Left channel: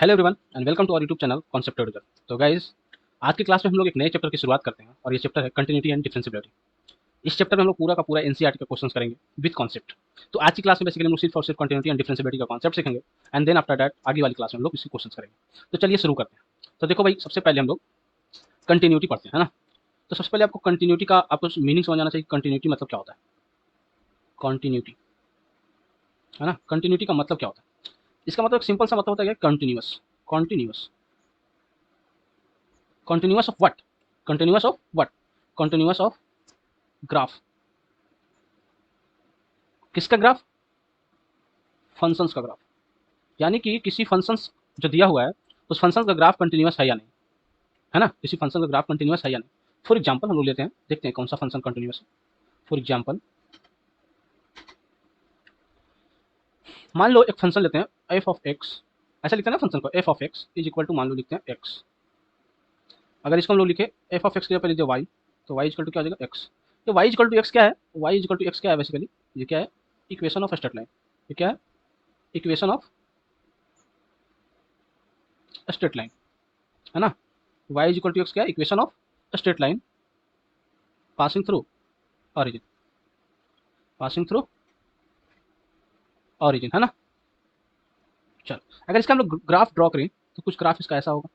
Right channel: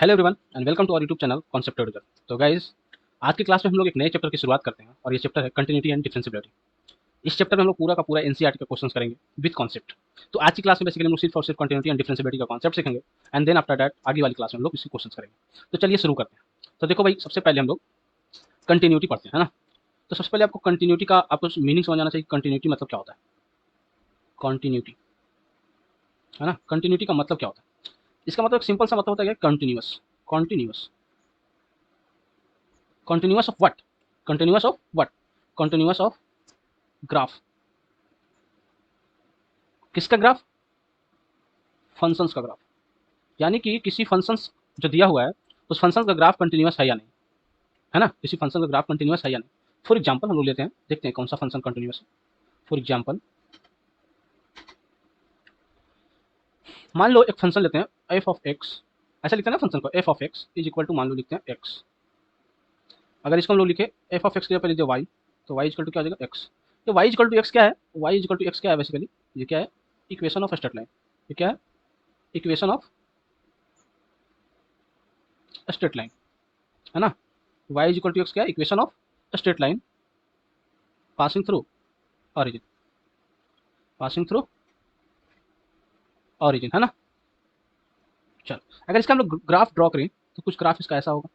Hello everyone and welcome to our YouTube channel concept tutor. तो guys, आज की class में हम लोग एक नए चैप्टर की शुरुआत करते हैं और ये चैप्टर है कंटिन्यूटी एंड डिफरेंशिएबिलिटी। इस चैप्टर में हम लोग पूरा का पूरा एनसीईआरटी का क्वेश्चंस करेंगे विद कॉन्सेप्ट। तो आज की क्लास में बेसिकली हम लोग सिर्फ और सिर्फ कंटिन्यूटी एंड डिफरेंशिएबिलिटी का कॉन्सेप्ट सीखेंगे एंड देन आफ्टर दैट आगे वाली क्लास में हम लोग इसी क्वेश्चंस करेंगे। तो चलिए शुरू करते हैं। तो देखो भाई, सबसे पहले हम लोग कंटिन्यूटी पढ़ते हैं, है ना। तो सबसे पहले आपको कंटिन्यूटी का आपको मीनिंग समझ आना चाहिए। कंटिन्यूटी मतलब क्या होता है, कंटिन्यूटी, है ना। कंटिन्यूटी का मतलब क्या होता है, इसका मतलब सिंपल सा मतलब होता है continuous. Continuous, continuous of what, continuous of what, continuous of graph. किसका ग्राफ, फंक्शंस का ग्राफ। यानी कि किसी फंक्शंस जो दिया हुआ है उस फंक्शन का ग्राफ कंटिन्यूअस है या नहीं, है ना। किसी फंक्शन का ग्राफ कंटिन्यूअस है या नहीं। फॉर एग्जांपल हम लोग लेते हैं, देखते हैं कौन सा फंक्शन कंटिन्यूअस है। फॉर एग्जांपल मान लो एक फंक्शन लेते हैं एफ ऑफ एक्स। ऐसा लिखते हैं ना फंक्शन को, f of x is equal to, मान लो लिखते हैं एक्स। अगर इसको हम लोग लिखे एफ ऑफ एक्स के पहले वाई, तो वाई इक्वल टू क्या हो जाएगा, एक्स। तो वाई इक्वल टू एक्स क्या है, वाई इक्वल टू एक्स क्या है बेसिकली, ये क्या है, इक्वेशन ऑफ स्ट्रेट लाइन। ये क्या है, इक्वेशन ऑफ स्ट्रेट लाइन, है ना। y is equal to x क्या है, equation of straight line passing through origin, passing through origin, है ना। चलो, अगर इसका हम लोग ग्राफ ड्रॉ करें तो कुछ ग्राफ इसका ऐसा होगा।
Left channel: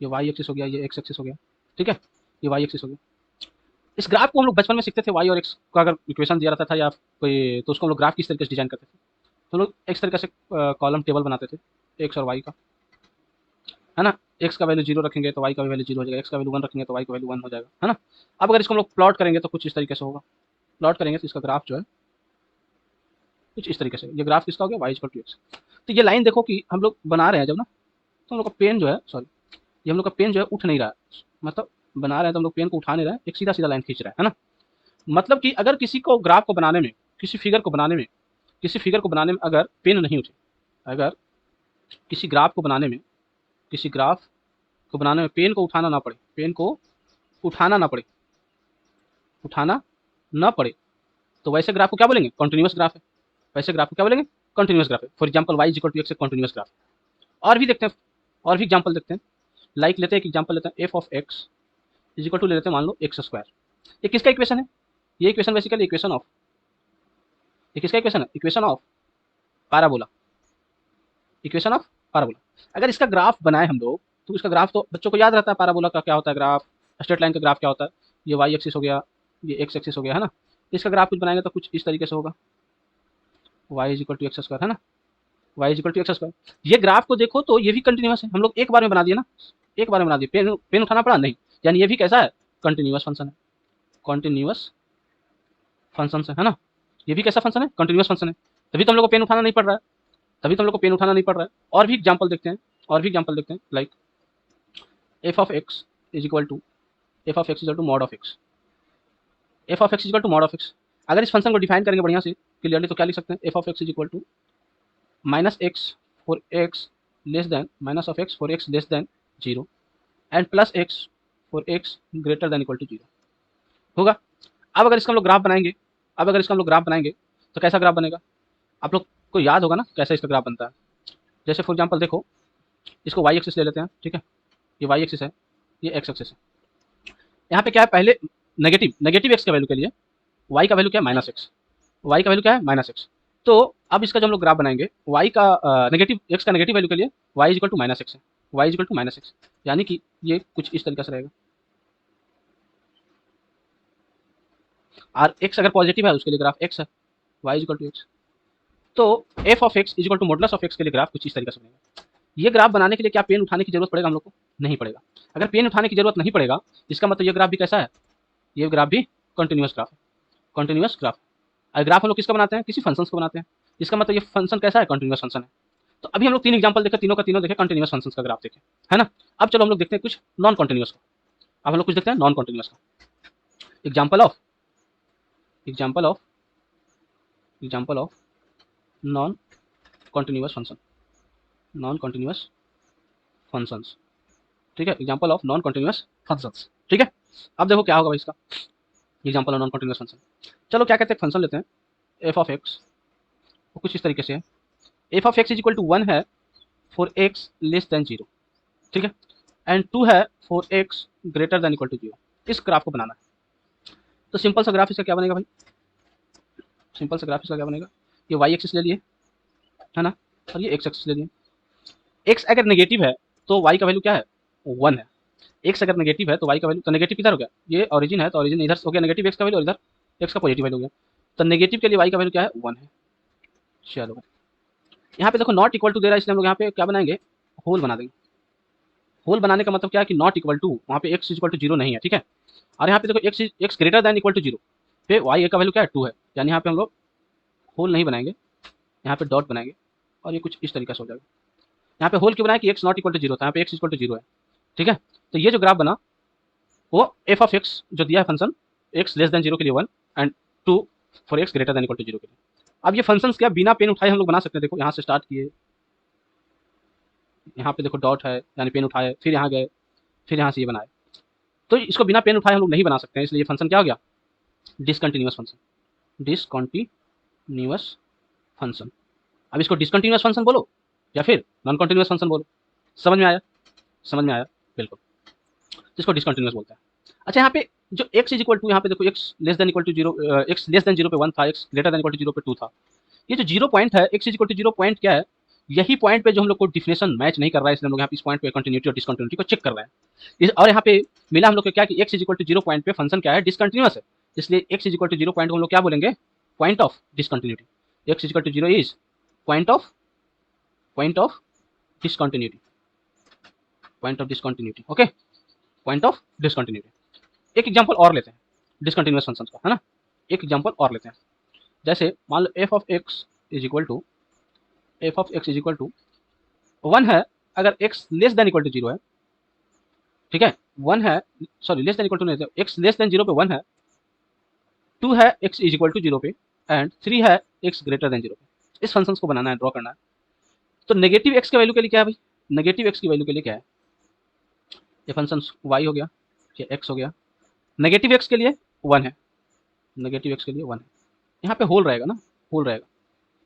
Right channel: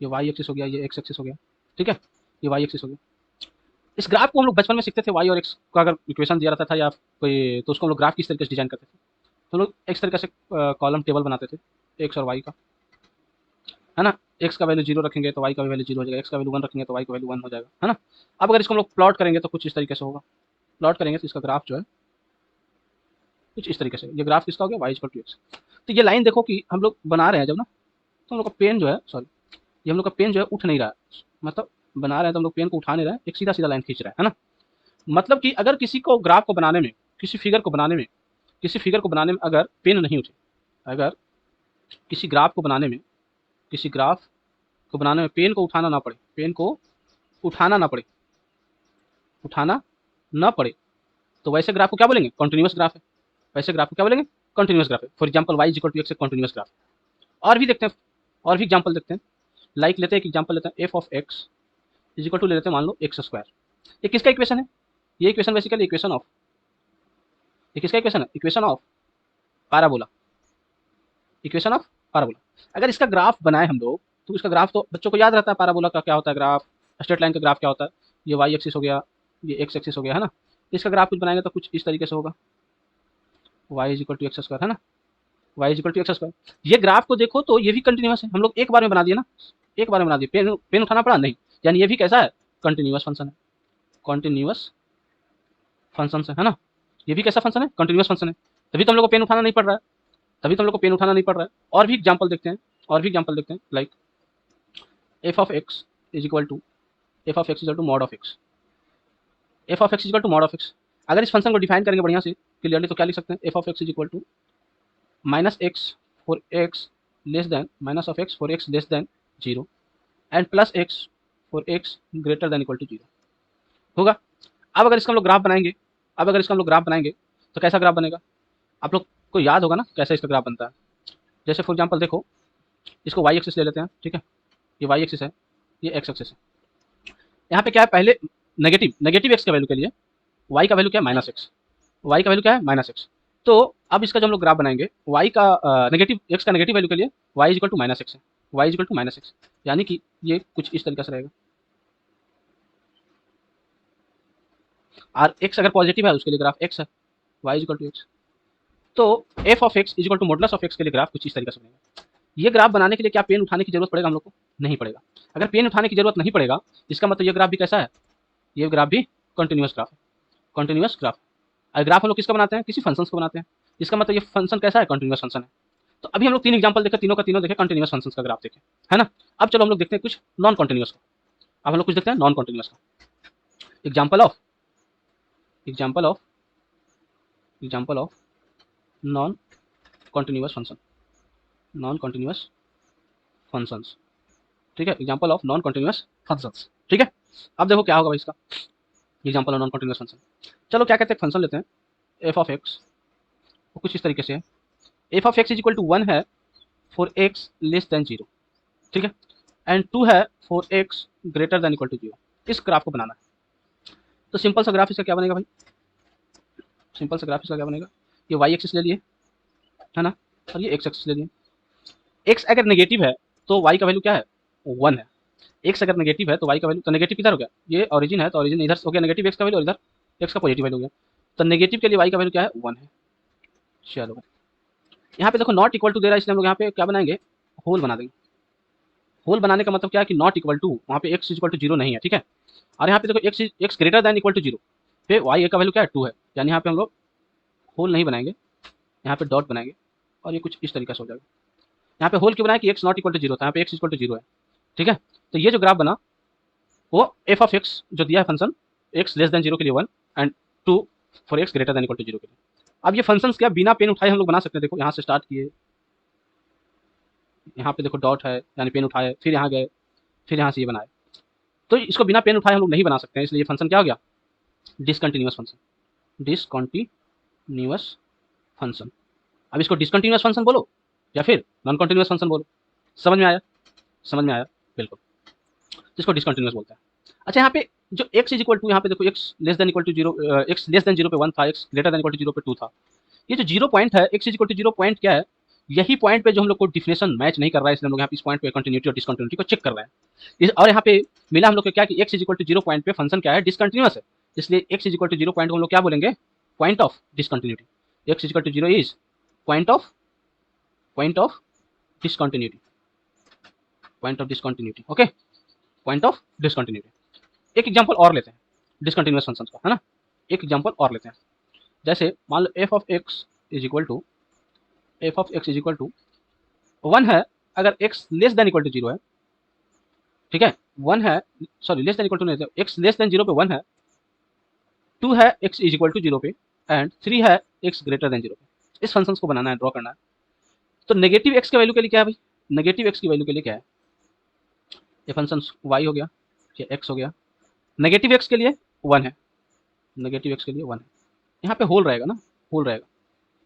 ये वाई एक्सिस हो गया, ये एक्स एक्सिस हो गया, ठीक है। ये वाई एक्सिस हो गया। इस ग्राफ को हम लोग बचपन में सीखते थे, वाई और एक्स का अगर इक्वेशन दिया रहता था या कोई, तो उसको हम लोग ग्राफ किस तरीके से डिजाइन करते थे। तो लोग इस तरीके से कॉलम टेबल बनाते थे, एक्स और वाई का, है ना। एक्स का वैल्यू जीरो रखेंगे तो वाई का वैल्यू जीरो हो जाएगा, एक्स का वैल्यू वन रखेंगे तो वाई का वैल्यू वन हो जाएगा, है ना। अब अगर इसको हम लोग प्लॉट करेंगे तो कुछ इस तरीके से होगा। प्लॉट करेंगे तो इसका ग्राफ जो है कुछ इस तरीके से, ये ग्राफ किसका हो गया, वाई इक्वल टू एक्स। तो ये लाइन देखो कि हम लोग बना रहे हैं जब ना, तो हम लोग का पेन जो है, सॉरी, ये हम लोग का पेन जो है उठ नहीं रहा है। मतलब बना रहे हैं तो हम लोग पेन को उठा नहीं रहे हैं, एक सीधा सीधा लाइन खींच रहे हैं, है ना। मतलब कि अगर किसी को ग्राफ को बनाने में, किसी फिगर को बनाने में, किसी फिगर को बनाने में अगर पेन नहीं उठे, अगर किसी ग्राफ को बनाने में, किसी ग्राफ को बनाने में पेन को उठाना ना पड़े, पेन को उठाना ना पड़े, उठाना ना पड़े, तो वैसे ग्राफ को क्या बोलेंगे, कॉन्टिन्यूस ग्राफ है। वैसे ग्राफ को क्या बोलेंगे, कॉन्टिन्यूस ग्राफ है। For example y equal to x continuous graph. और भी देखते हैं, और भी एग्जाम्पल देखते हैं। लाइक लेते हैं, एक एग्जाम्पल लेते हैं, f of x is equal to ले लेते हैं मान लो एक्स स्क्वायर। ये किसका इक्वेशन है, ये इक्वेशन बेसिकली इक्वेशन ऑफ, ये किसका इक्वेशन है, equation of parabola, equation of parabola. अगर इसका ग्राफ बनाए हम लोग, तो इसका ग्राफ तो बच्चों को याद रहता है, पैराबोला का क्या होता है ग्राफ, स्ट्रेट लाइन का ग्राफ क्या होता है। ये वाई एक्सिस हो गया, ये एक्स एक्सिस हो गया, है ना। इसका ग्राफ कुछ बनाएंगे तो कुछ इस तरीके से होगा, y is equal to x square, है ना। Y is equal to x square. ये ग्राफ को देखो तो ये भी कंटिन्यूस है, हम लोग एक बार में बना दिए ना, एक बार में बना दिए। पेन पेन उठाना पड़ा नहीं, यानी ये भी कैसा है, कंटिन्यूस फंक्शन है, कंटिन्यूस फंक्शन है ना। ये भी कैसा फंक्शन है, कंटिन्यूस फंक्शन है। तभी तो हम लोग को पेन उठाना नहीं पड़ रहा है, तभी तो हम लोग को पेन उठाना नहीं पड़ रहा है। और भी एग्जाम्पल देखते हैं, और भी एग्जाम्पल देखते हैं। Like f of x is equal to, F of x is equal to mod of x, f of x is equal to mod of x. अगर इस फंक्शन को डिफाइन करेंगे बढ़िया से क्लियरली, तो क्या लिख सकते हैं, f of x is equal to minus x for x less than, minus of x for x less than zero and plus x for x greater than equal to zero होगा। अब अगर इसका हम लोग ग्राफ बनाएंगे, अब अगर इसका हम लोग ग्राफ बनाएंगे तो कैसा ग्राफ बनेगा, आप लोग को याद होगा ना कैसे इसका ग्राफ बनता है। जैसे फॉर एग्जाम्पल देखो, इसको वाई एक्सिस ले लेते हैं, ठीक है। ये वाई एक्सिस है, ये एक्स एक्सिस है। यहाँ पे क्या है, पहले नेगेटिव, नेगेटिव एक्स के वैल्यू के लिए वाई का वैल्यू क्या है, माइनस एक्स। वाई का वैल्यू क्या है, माइनस एक्स। तो अब इसका जो हम लोग ग्राफ बनाएंगे, वाई का नेगेटिव एक्स का नेगेटिव वैल्यू के लिए Y is equal to minus X है, Y is equal to minus X. यानी कि ये कुछ इस तरीके से रहेगा। और एक्स अगर पॉजिटिव है उसके लिए ग्राफ एक्स है, Y is equal to X. तो F of x is equal to modulus of X के लिए ग्राफ कुछ इस तरीके से बनेगा। ये ग्राफ बनाने के लिए क्या पेन उठाने की जरूरत पड़ेगा हम लोग को, नहीं पड़ेगा। अगर पेन उठाने की जरूरत नहीं पड़ेगा, इसका मतलब ये ग्राफ भी कैसा है, ये ग्राफ भी कंटिन्यूस ग्राफ है, कंटिन्यूस ग्राफ। और ग्राफ हम लोग किसका बनाते हैं, किसी फंक्शन को बनाते हैं। इसका मतलब ये फंक्शन कैसा है, कंटिन्यूस फंक्शन है। तो अभी हम लोग तीन एग्जांपल देखे, तीनों का तीनों देखे कंटिन्यूस फंक्शन का ग्राफ देखे, है ना। अब चलो हम लोग देखते हैं कुछ नॉन कंटिन्यूस का। अब हम लोग कुछ देखते हैं नॉन कंटिन्यूस का। Example of, example of, example of non continuous function, non continuous functions, ठीक है। Example of non continuous functions, ठीक है। अब देखो क्या होगा भाई इसका, example of non continuous function. चलो क्या कहते हैं, फंक्शन लेते हैं एफ ऑफ एक्स, कुछ इस तरीके से है। F of x is equal to one है, for x less than zero, ठीक है, एंड 2 है for x greater than equal to zero. इस ग्राफ को बनाना है। तो सिंपल सा ग्राफ इसका क्या बनेगा भाई, सिंपल सा ग्राफ इसका क्या बनेगा, ये वाई एक्सिस ले लिए, है ना, और ये एक्स एक्सिस ले लिए। एक्स अगर नेगेटिव है तो वाई का वैल्यू क्या है, 1 है। एक्स अगर नेगेटिव है तो वाई का वैल्यू, तो नेगेटिव किधर हो गया, ये ओरिजिन है तो ओरिजिन इधर हो गया नेगेटिव एक्स का वैल्यू, और इधर एक्स का पॉजिटिव वैल्यू हो गया। तो नेगेटिव के लिए वाई का वैल्यू क्या है, 1 है। चलो यहाँ पे देखो नॉट इक्वल टू दे रहा है, इसलिए हम लोग यहाँ पे क्या बनाएंगे, होल बना देंगे। होल बनाने का मतलब क्या है कि नॉट इक्वल टू, वहाँ पे एक्स इक्वल टू जीरो नहीं है, ठीक है। और यहाँ पे देखो x greater than equal to zero पे वाई का वैल्यू क्या है, 2 है। यानी यहाँ पे हम लोग होल नहीं बनाएंगे, यहाँ पे डॉट बनाएंगे, और ये कुछ इस तरीके से हो जाएगा। यहाँ पे होल क्यों बनाया कि x not equal to zero था, यहाँ पे एक्स इक्वल टू जीरो है, ठीक है। तो ये जो ग्राफ बना वो एफ ऑफ एक्स जो दिया है function, x less than zero के लिए 1 and 2 for x greater than equal to zero. अब ये फंक्शंस क्या बिना पेन उठाए हम लोग बना सकते हैं। देखो यहाँ से स्टार्ट किए, यहाँ पे देखो डॉट है यानी पेन उठाए, फिर यहाँ गए, फिर यहाँ से ये बनाए। तो इसको बिना पेन उठाए हम लोग नहीं बना सकते हैं, इसलिए ये फंक्शन क्या हो गया, डिसकंटिन्यूअस फंक्शन, डिसकंटिन्यूअस फंक्शन। अब इसको डिसकंटिन्यूअस फंक्शन बोलो या फिर नॉन कंटिन्यूअस फंक्शन बोलो, समझ में आया, समझ में आया, बिल्कुल, इसको डिसकंटिन्यूअस बोलते हैं। अच्छा यहाँ पे जो x इज इक्वल टू, यहाँ पे देखो x less than equal to zero, x less than zero पे 1 था, x greater than equal to zero पे 2 था। ये जो जीरो पॉइंट है, x is equal to zero point क्या है, यही पॉइंट पे जो हम लोग को डिफिनेशन मैच नहीं कर रहा है, इसलिए हम लोग यहाँ पे इस पॉइंट पे कंटिन्यूटी और डिसकंटिन्यूटी को चेक कर रहे हैं। और यहाँ पे मिला हम लोग को क्या कि x is equal to zero point पे फंक्शन क्या है, डिसकंटिन्यूअस है, इसलिए x is equal to zero point को हम लोग क्या बोलेंगे, point of discontinuity. x is equal to zero is point of discontinuity, point of discontinuity, okay, point of discontinuity. एक एग्जांपल और लेते हैं डिसकंटिन्यूअस फंक्शंस का, है ना, एक एग्जांपल और लेते हैं। जैसे मान लो F of x is equal to, F of x is equal to 1 है अगर X less than equal to zero है, ठीक है, 1 है, sorry less than equal to नहीं है, एक्स लेस देन जीरो पे 1 है, 2 है x is equal to zero पे, एंड 3 है एक्स ग्रेटर देन जीरो पे। इस फंक्शंस को बनाना है, ड्रॉ करना है। तो नेगेटिव एक्स के वैल्यू के लिए क्या है भाई, नेगेटिव एक्स की वैल्यू के लिए क्या है, ये फंक्शन वाई हो गया, ये एक्स हो गया, नेगेटिव एक्स के लिए 1 है, नेगेटिव एक्स के लिए 1 है। यहाँ पे होल रहेगा ना, होल रहेगा,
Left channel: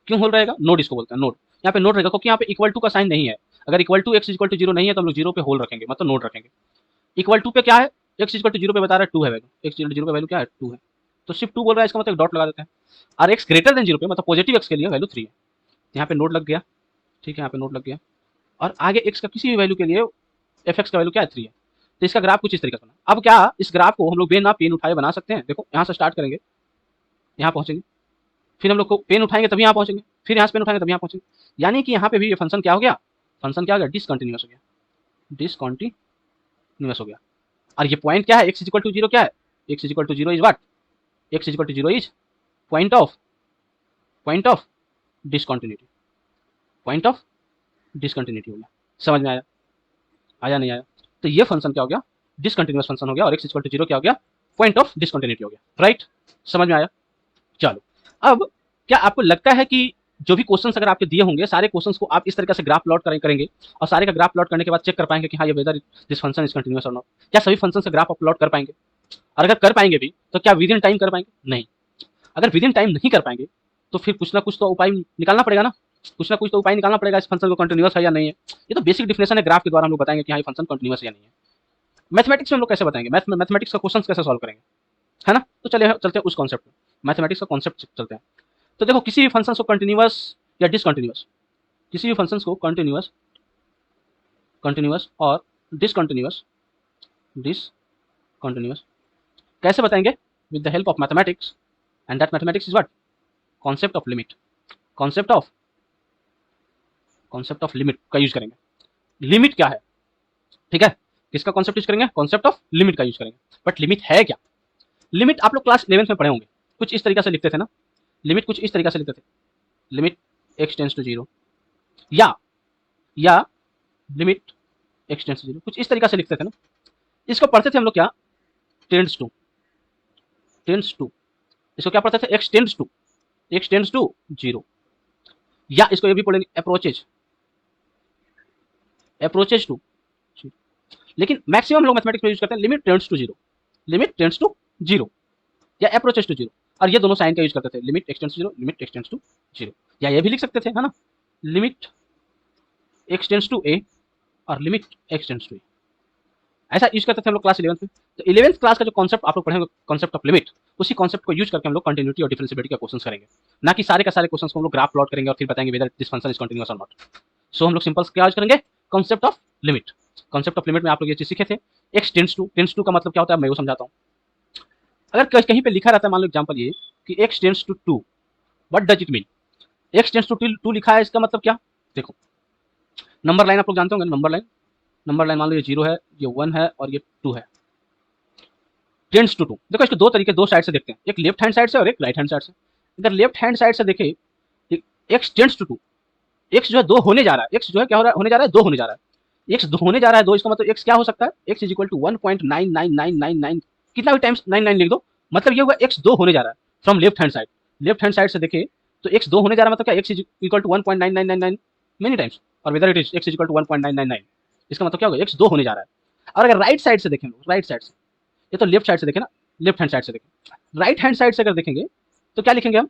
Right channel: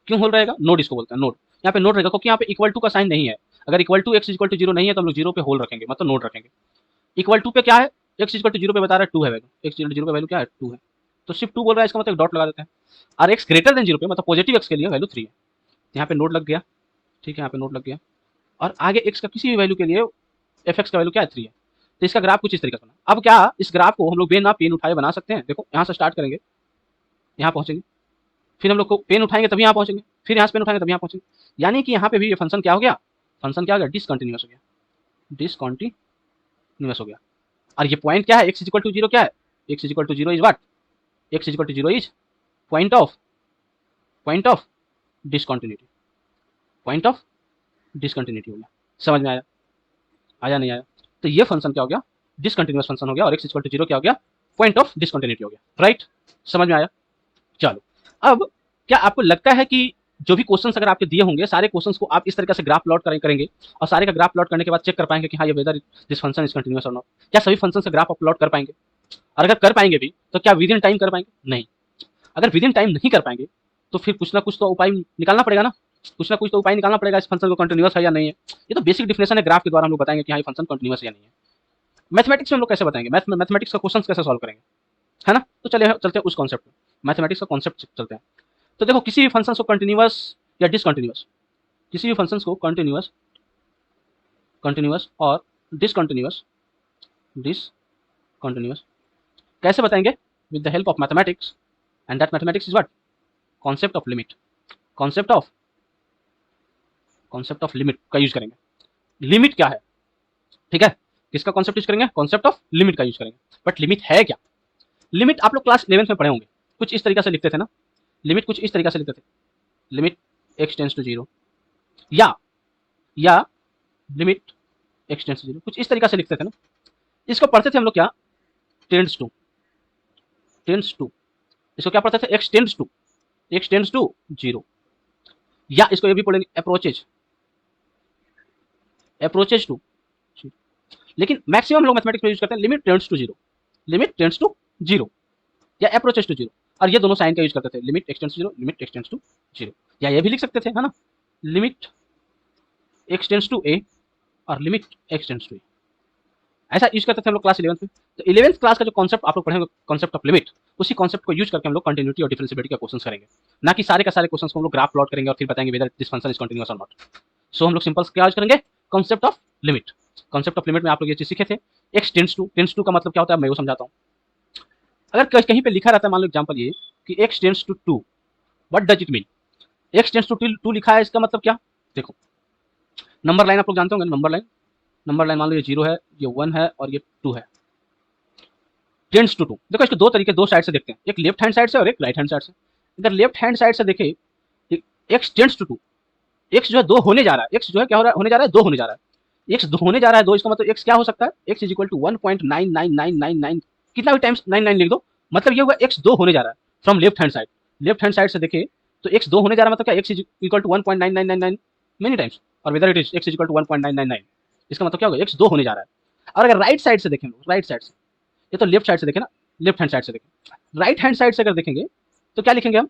क्यों होल रहेगा, नोड इसको बोलते हैं, नोड। यहाँ पे नोड रहेगा क्योंकि यहाँ पे इक्वल टू का साइन नहीं है। अगर equal to x equal to zero नहीं है तो हम लोग जीरो पे होल रखेंगे, मतलब नोड रखेंगे। इक्वल टू पे क्या है, एक्स इक्वल टू जीरो पे बता रहा है 2 है value, x equal to zero पे वैल्यू क्या है, 2 है, तो सिर्फ 2 बोल रहा है, इसका मतलब एक डॉट लगा देते हैं। और एक्स ग्रेटर देन जीरो पे मतलब पॉजिटिव एक्स के लिए वैल्यू 3 है, यहाँ पे नोड लग गया, ठीक है, यहाँ पे नोड लग गया। और आगे एक्स का किसी भी वैल्यू के लिए एफ एक्स का वैल्यू क्या है, 3 है। तो इसका ग्राफ कुछ इस तरीके से बना। अब क्या इस ग्राफ को हम लोग बिना पेन उठाए बना सकते हैं। देखो यहाँ से स्टार्ट करेंगे, यहाँ पहुंचेंगे, फिर हम लोग को पेन उठाएंगे तभी यहाँ पहुंचेंगे, फिर यहाँ से पेन उठाएंगे तभी यहाँ पहुंचेंगे। यानी कि यहाँ पे भी ये फंक्शन क्या हो गया, फंक्शन क्या हो गया, डिसकंटिन्यूअस हो गया, डिसकंटिन्यूअस हो गया। और ये पॉइंट क्या है, x is equal to zero क्या है, x is equal to zero is what, x is equal to zero is point of discontinuity, point of discontinuity हो गया। समझ में आया, आया नहीं आया। तो ये फंक्शन क्या हो गया, डिसकंटिन्यूअस फंक्शन हो गया, और x is equal to zero क्या हो गया, पॉइंट ऑफ डिसकंटिन्यूटी हो गया, राइट, समझ में आया। चलो अब क्या आपको लगता है कि जो भी क्वेश्चंस अगर आपके दिए होंगे, सारे क्वेश्चंस को आप इस तरीके से ग्राफ प्लॉट करेंगे, और सारे का ग्राफ प्लॉट करने के बाद चेक कर पाएंगे कि हाँ ये whether this function is continuous और नॉट, क्या सभी फंक्शन से ग्राफ प्लॉट कर पाएंगे, और अगर कर पाएंगे भी तो क्या विद इन टाइम कर पाएंगे, नहीं। अगर विद इन टाइम नहीं कर पाएंगे तो फिर कुछ ना कुछ तो उपाय निकालना पड़ेगा ना, कुछ ना कुछ तो उपाय निकालना पड़ेगा इस फंक्शन को कंटिन्यूअस है या नहीं है। ये तो बेसिक डिफिनेशन है, ग्राफ के द्वारा हम लोग बताएंगे कि हाँ ये फंक्शन कंटिन्यूअस है या नहीं है। मैथमेटिक्स हम लोग कैसे बताएंगे, मैथमेटिक्स का क्वेश्चन कैसे सॉल्व करेंगे, है ना। तो चलिए चलते हैं उस कॉन्सेप्ट में, मैथमेटिक्स के कॉन्सेप्ट से चलते हैं। ठीक है, किसी भी फंक्शन को कंटिन्यूअस या डिसकंटिन्यूअस, किसी भी फंक्शन को कंटिन्यूअस, कंटिन्यूअस और डिसकंटिन्यूअस, डिसकंटिन्यूअस कैसे बताएंगे, with the help of mathematics, and that mathematics is what, concept of limit, concept of limit का यूज करेंगे। लिमिट क्या है, ठीक है, किसका कॉन्सेप्ट यूज करेंगे, कॉन्सेप्ट ऑफ लिमिट का यूज करेंगे। बट लिमिट है क्या, लिमिट आप लोग क्लास 11th में पढ़े होंगे, कुछ इस तरीके से लिखते थे ना, लिमिट कुछ इस तरीके से लिखते थे, limit x tends to zero, या limit x tends to zero, कुछ इस तरीके से लिखते थे ना। इसको पढ़ते थे हम लोग क्या, टेंस टू, इसको क्या पढ़ते थे, एक्स टेंस टू जीरो, या इसको ये भी पढ़ेंगे अप्रोचेज टू। लेकिन मैक्सिमम लोग मैथमेटिक्स में यूज करते हैं limit tends to zero, limit tends to zero, या अप्रोचेज टू जीरो, और ये दोनों साइन का यूज करते थे, limit x tends to zero, limit x tends to zero, या ये भी लिख सकते थे, है ना, limit x tends to a और limit x tends to a, ऐसा यूज करते थे हम लोग क्लास 11th में। तो 11th क्लास का जो कॉन्सेप्ट आप लोग पढ़ेंगे, कॉन्सेप्ट ऑफ लिमिट, उसी कॉन्सेप्ट को यूज करके हम लोग कंटिन्यूटी और डिफरेंशिएबिलिटी का क्वेश्चन करेंगे, ना कि सारे का सारे क्वेश्चन को हम लोग ग्राफ प्लॉट करेंगे और फिर बताएंगे whether this function is continuous और नॉट। सो हम लोग सिंपल क्या यूज करेंगे, concept of limit. Concept of limit में आप लोग ये चीज सीखे थे। एक्स टेंस टू का मतलब क्या होता है मैं वो समझाता हूँ। अगर कहीं पे लिखा रहता है, मान लो एग्जाम्पल ये कि x tends to two, what does it mean? X tends to two लिखा है, इसका मतलब क्या? देखो, नंबर लाइन आप लोग जानते होंगे, नंबर लाइन मान लो ये 0 है, ये 1 है और ये 2 है। टेंस टू टू, देखो इसको दो तरीके, दो साइड से देखते हैं, एक लेफ्ट हैंड साइड से और एक राइट हैंड साइड से। अगर लेफ्ट हैंड साइड से देखें, x tends to two, x जो है 2 होने जा रहा है, एक्स जो है क्या होने जा रहा है, 2 होने जा रहा है। एक्स होने जा रहा है 2, इसका मतलब एक्स क्या हो सकता है, एक्स इज इक्वल टू 1.99999, कितना भी टाइम्स 99 लिख दो, मतलब ये होगा एक्स 2 होने जा रहा है from left hand side. Left hand side से देखिए तो एक्स 2 होने जा रहा है, मतलब क्या, X is equal to 1.9999 many times, और whether it is X is equal to 1.999, इसका मतलब क्या होगा, एक्स 2 होने जा रहा है। और अगर राइट साइड से देखेंगे, राइट साइड से, ये तो लेफ्ट साइड से देखें ना, लेफ्ट हैंड साइड से देखें, राइट हैंड साइड से अगर देखेंगे तो क्या लिखेंगे हम,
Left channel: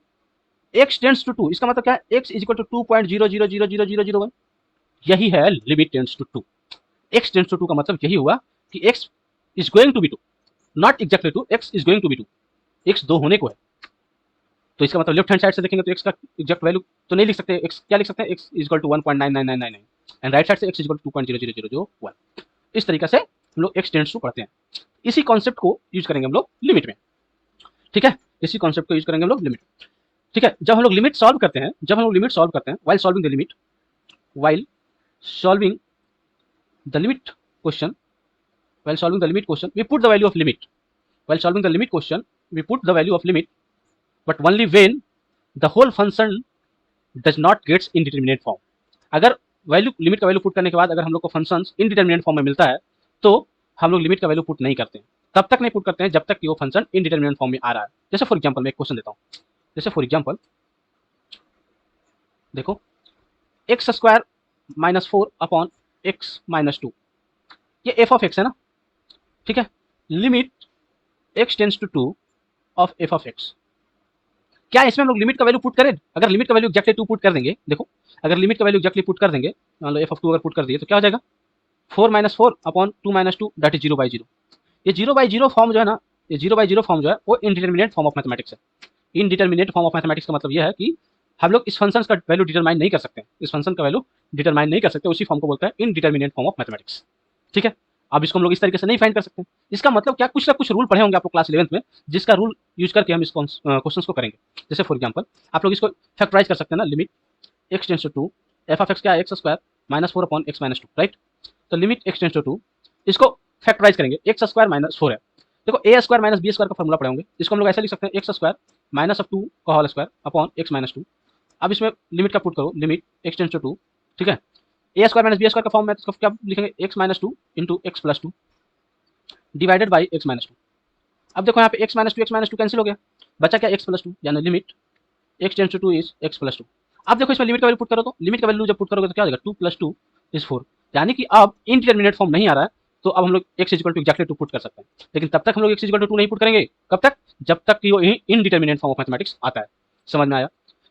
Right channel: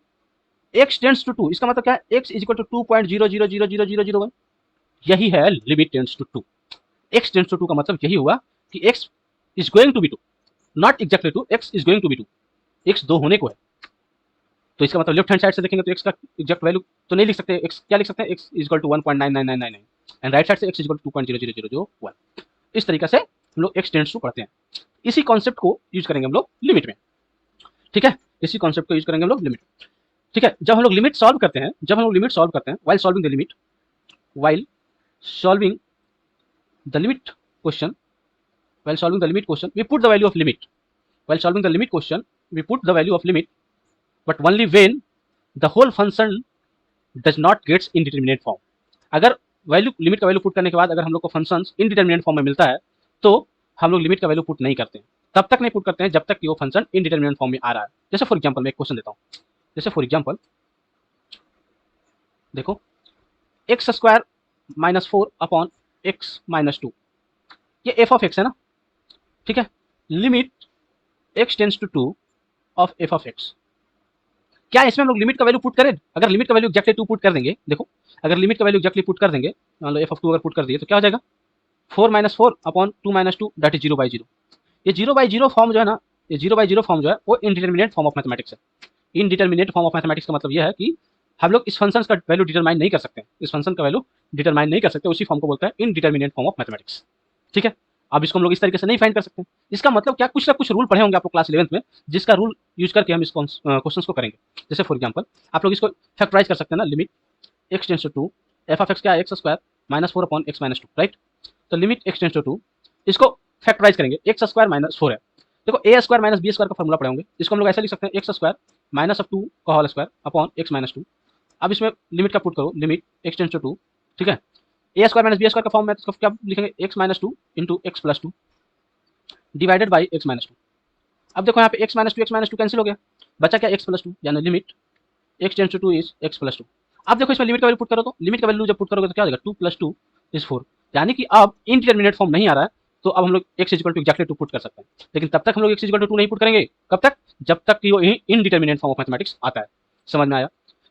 एक्स टेंस टू टू, इसका मतलब क्या है, एक्स इज इक्वल टू 2.00000001, यही है limit tends to two. X tends to two का मतलब यही हुआ कि x is going to be two, not exactly two, x is going to be two, x 2 होने को है। तो इसका मतलब लेफ्ट हैंड साइड से देखेंगे तो एक्स का एग्जैक्ट वैल्यू तो नहीं लिख सकते, एक्स क्या लिख सकता है, x is equal to 1.99999, and right side से एक्स इज इक्वल टू 2.00001। इस तरीके से हम लोग एक्स टेंस टू पढ़ते हैं। इसी कॉन्सेप्ट को यूज करेंगे हम लोग लिमिट में, ठीक है, इसी कॉन्सेप्ट को यूज करेंगे हम लोग लिमिट, ठीक है। जब हम लोग लिमिट सॉल्व करते हैं, जब हम लोग लिमिट सॉल्व करते हैं, while solving the limit, while solving the limit question, while solving the limit question we put the value of limit, while solving the limit question we put the value of limit, but only when the whole function does not gets indeterminate form। अगर value, limit का value put करने के बाद अगर हम लोग को function indeterminate form में मिलता है तो हम लोग लिमिट का वैल्यू पुट नहीं करते हैं। कब तक नहीं पुट करते हैं, जब तक कि वो फंक्शन इनडिटरमिनेट फॉर्म में आ रहा है। जैसे फॉर एग्जांपल मैं एक क्वेश्चन देता हूँ, जैसे फॉर एग्जांपल देखो, x square minus 4 upon x minus 2, ये एफ ऑफ एक्स है ना, ठीक है। Limit x tends to 2 of f of x, क्या इसमें हम लोग लिमिट का वैल्यू पुट करें? अगर लिमिट का वैल्यू एग्जैक्टली 2 पुट कर देंगे, देखो अगर लिमिट का वैल्यू एग्जैक्टली पुट कर देंगे, मान लो एफ ऑफ 2 अगर पुट कर दिए तो क्या हो जाएगा, 4 minus 4 upon 2 minus 2 that is 0/0। ये 0/0 फॉर्म जो है ना, ये 0/0 फॉर्म जो है वो इनडिटरमिनेट फॉर्म ऑफ मैथमेटिक्स है। इनडिटरमिनेट फॉर्म ऑफ मैथमेटिक्स का मतलब ये है कि हम लोग इस फंक्शन का वैल्यू डिटरमाइन नहीं कर सकते, इस फंक्शन का वैल्यू डिटरमाइन नहीं कर सकते, उसी फॉर्म को बोलता है इनडिटरमिनेट फॉर्म ऑफ मैथमेटिक्स, ठीक है। अब इसको हम लोग इस तरीके से नहीं फाइंड कर सकते। इसका मतलब क्या, कुछ ना कुछ रूल पढ़े होंगे आप लोग क्लास 11th में, जिसका रूल यूज करके हम इस क्वेश्चन को करेंगे। जैसे फॉर एग्जांपल आप लोग इसको फैक्टराइज कर सकते हैं ना, limit x tends to 2 f of x क्या है, x square minus 4 upon x minus 2, right. तो लिमिट एक्स टेंस टू 2, इसको फैक्टराइज करेंगे, एक्स स्क्वायर माइनस 4 है, देखो ए स्क्वायर माइनस बी स्क्वायर का फॉर्मूला पढ़े होंगे, इसको हम लोग ऐसा लिख सकते हैं, एक्स स्क्वायर माइनस ऑफ 2 का whole square upon x minus 2। अब इसमें लिमिट का पुट करो, लिमिट एक्स टेंस टू 2, ठीक है, ए स्क्वायर माइनस बी स्क्वायर का फॉर्म में तो क्या लिखेंगे, x minus 2 into x plus 2 divided by x minus 2। अब देखो यहाँ पे एक्स माइनस टू कैंसिल हो गया, बचा क्या, एक्स प्लस 2, यानी limit x tends to 2 is x plus 2। अब देखो इसमें लिमिट का वैल्यू पुट करो, तो लिमिट का वैल्यू जब पुट करोगे तो क्या आ जाएगा, 2 प्लस 2 इज 4, यानी कि अब इनडिटरमिनेट फॉर्म नहीं आ रहा है, तो अब हम लोग x is equal to exactly 2 put कर सकते हैं। लेकिन तब तक हम लोग एक्स इज इक्वल टू 2 नहीं पुट करेंगे, कब तक, जब तक कि वो इनडिटरमिनेट फॉर्म ऑफ मैथमेटिक्स आता है। समझ में आया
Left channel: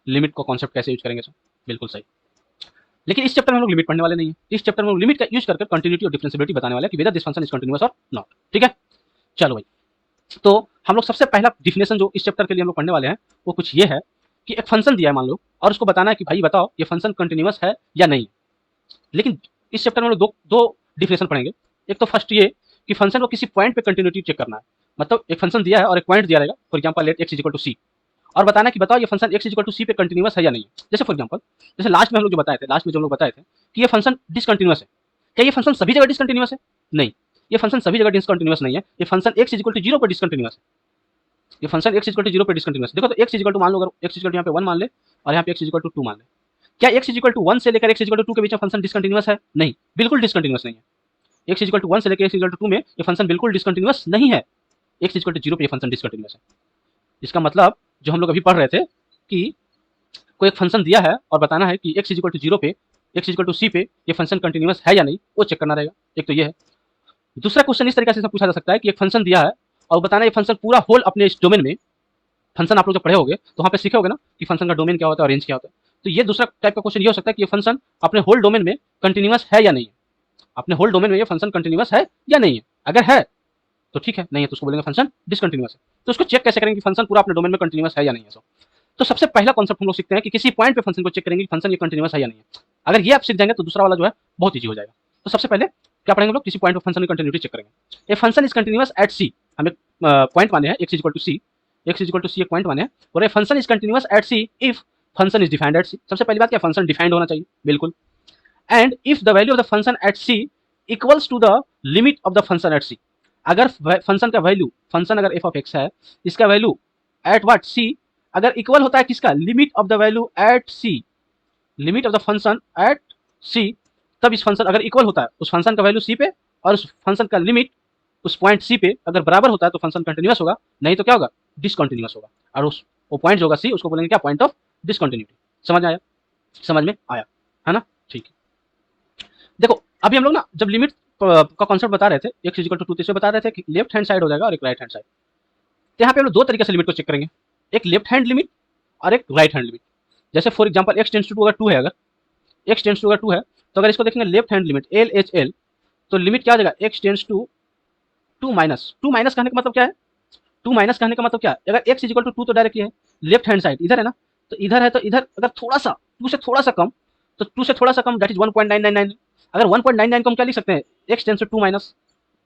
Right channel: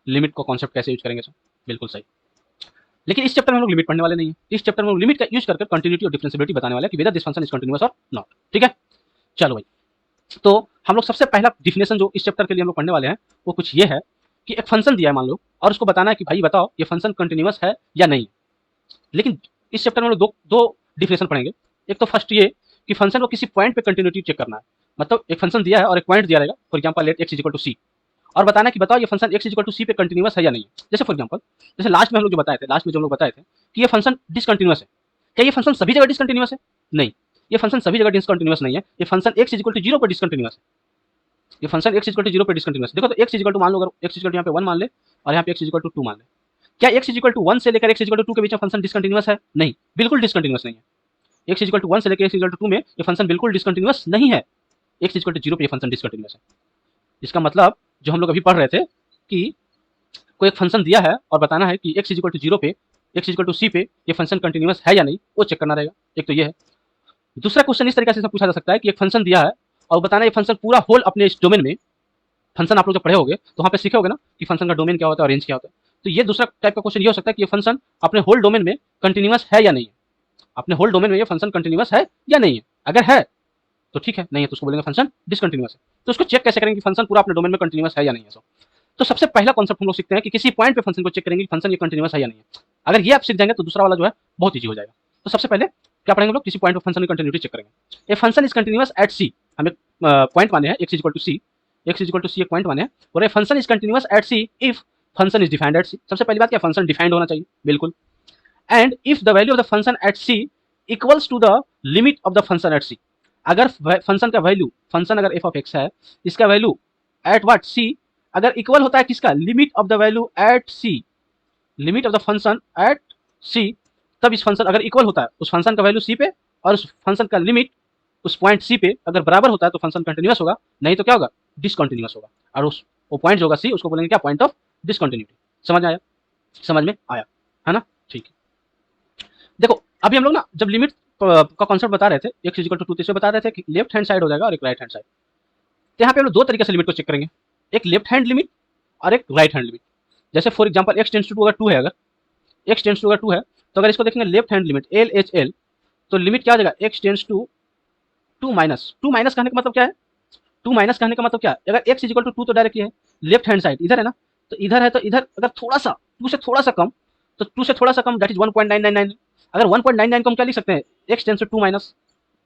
लिमिट को कॉन्सेप्ट कैसे यूज करेंगे, बिल्कुल सही। लेकिन इस चैप्टर में हम लोग लिमिट पढ़ने वाले नहीं है, इस चैप्टर में हम लिमिट का यूज करके कंटिन्यूटी और डिफरेंशिएबिलिटी बताने वाले हैं कि whether this function is continuous और नॉट, ठीक है। चलो भाई, तो हम लोग सबसे पहला डिफिनेशन जो इस चैप्टर के लिए हम लोग पढ़ने वाले हैं वो कुछ ये है कि एक फंक्शन दिया है मान लो, और उसको बताना है कि भाई बताओ ये फंक्शन कंटिन्यूअस है या नहीं। लेकिन इस चैप्टर में हम लोग दो डिफिनेशन पढ़ेंगे। एक तो फर्स्ट ये कि फंक्शन को किसी पॉइंट पे कंटिन्यूटी चेक करना है, मतलब एक फंक्शन दिया है और एक पॉइंट दिया रहेगा, for example let X is equal to C, और बताना कि बताओ ये function x is equal to C पे कंटिन्यूअस है या नहीं। जैसे फॉर एग्जांपल, जैसे लास्ट में हम लोग जो बताए थे, लास्ट में जो हम लोग बताए थे कि ये फंक्शन डिसकंटिन्यूअस है, क्या ये फंक्शन सभी जगह डिसकंटिन्यूअस है? नहीं, ये फंक्शन सभी जगह डिसकंटिन्यूअस नहीं है, ये function x is equal to 0 पे डिसकंटिन्यूअस है, ये फंक्शन x इक्वल टू 0 पे डिसकंटिन्यूअस। देखो तो x इक्वल टू मान लो, अगर x इक्वल टू यहाँ पे 1 मान ले और यहाँ पे x इक्वल टू 2 मान ले, क्या x इक्वल टू 1 से लेकर x इक्वल टू 2 के बीच में फंक्शन डिसकंटिन्यूअस है? नहीं, बिल्कुल डिसकंटिन्यूअस नहीं है। x इक्वल टू 1 से लेकर x इक्वल टू 2 में ये फंक्शन बिल्कुल डिसकंटिन्यूअस नहीं है, x इक्वल टू 0 पे ये फंक्शन डिसकंटिन्यूअस है। इसका मतलब जो हम लोग अभी पढ़ रहे थे कि कोई एक फंक्शन दिया है और बताना है कि x इक्वल टू 0 पे, x इक्वल टू c पे ये फंक्शन कंटिन्यूअस है या नहीं, वो चेक करना रहेगा। एक तो ये है। दूसरा क्वेश्चन इस तरीके से पूछा जा सकता है कि एक फंक्शन दिया है और बताना है ये फंक्शन पूरा होल अपने इस डोमेन में, फंक्शन आप लोग जब पढ़े होगे तो वहाँ पे सीखे होगे ना कि फंक्शन का डोमेन क्या होता है और रेंज क्या होता है। तो ये दूसरा टाइप का क्वेश्चन ये हो सकता है कि ये फंक्शन अपने होल डोमेन में कंटिन्यूअस है या नहीं है, अपने होल डोमेन में ये फंक्शन कंटिन्यूअस है या नहीं है। अगर है तो ठीक है, नहीं है तो उसको बोलेंगे फंक्शन डिसकंटिन्यूअस है। तो उसको चेक कैसे करेंगे कि फंक्शन पूरा अपने डोमेन में कंटिन्यूअस है या नहीं है। तो सबसे पहला कॉन्सेप्ट हम लोग सीखते हैं कि किसी पॉइंट पे फंक्शन को चेक करेंगे कि फंक्शन ये कंटिन्यूअस है या नहीं है। अगर ये आप सीख जाएंगे तो दूसरा वाला जो है बहुत ईजी हो जाएगा। तो सबसे पहले क्या पढ़ेंगे हम लोग, किसी पॉइंट पे फंक्शन की कंटिन्यूटी चेक करेंगे। A function is continuous at C, हमें पॉइंट माने हैं, X is equal to C, X is equal to C एक पॉइंट माने हैं, और a function is continuous at C if function is defined at C. सबसे पहली बात क्या, फंक्शन डिफाइंड होना चाहिए, बिल्कुल। And if the value of the function at C equals to the limit of the function at C, अगर function का value, function अगर एफ ऑफ एक्स है, इसका वैल्यू एट व्हाट सी अगर इक्वल होता है किसका, limit of the value at C, limit of the function at C, तब इस फंक्शन अगर इक्वल होता है उस फंक्शन का वैल्यू सी पे और उस फंक्शन का लिमिट उस पॉइंट सी पे अगर बराबर होता है तो फंक्शन कंटिन्यूअस होगा, नहीं तो क्या होगा, डिसकंटिन्यूअस होगा। और उस वो पॉइंट जो होगा सी उसको बोलेंगे क्या, पॉइंट ऑफ डिसकंटिन्यूटी। समझ आया, समझ में आया है ना, ठीक है। देखो अभी हम लोग ना जब लिमिट का कॉन्सेप्ट बता रहे थे, एक्स इक्वल टू 2 तो बता रहे थे कि लेफ्ट हैंड साइड हो जाएगा और एक राइट हैंड साइड। तो यहाँ पे हम लोग दो तरीके से लिमिट को चेक करेंगे, एक लेफ्ट हैंड लिमिट और एक राइट हैंड लिमिट। जैसे for example x tends to अगर 2 है, अगर एक्स टेंड्स टू अगर 2 है तो अगर इसको देखेंगे left hand limit L H L, तो लिमिट क्या हो जाएगा, x tends to 2 minus, 2 minus कहने का मतलब क्या है, 2 माइनस कहने का मतलब क्या है, अगर एक्स इक्वल टू 2 तो डायरेक्टली है लेफ्ट हैंड साइड इधर है ना, तो इधर है, तो इधर अगर थोड़ा सा 2 से थोड़ा सा कम, तो 2 से थोड़ा सा कम दैट इज 1.999, अगर 1.99 को हम क्या लिख सकते हैं, एक्स टेंड्स टू 2 माइनस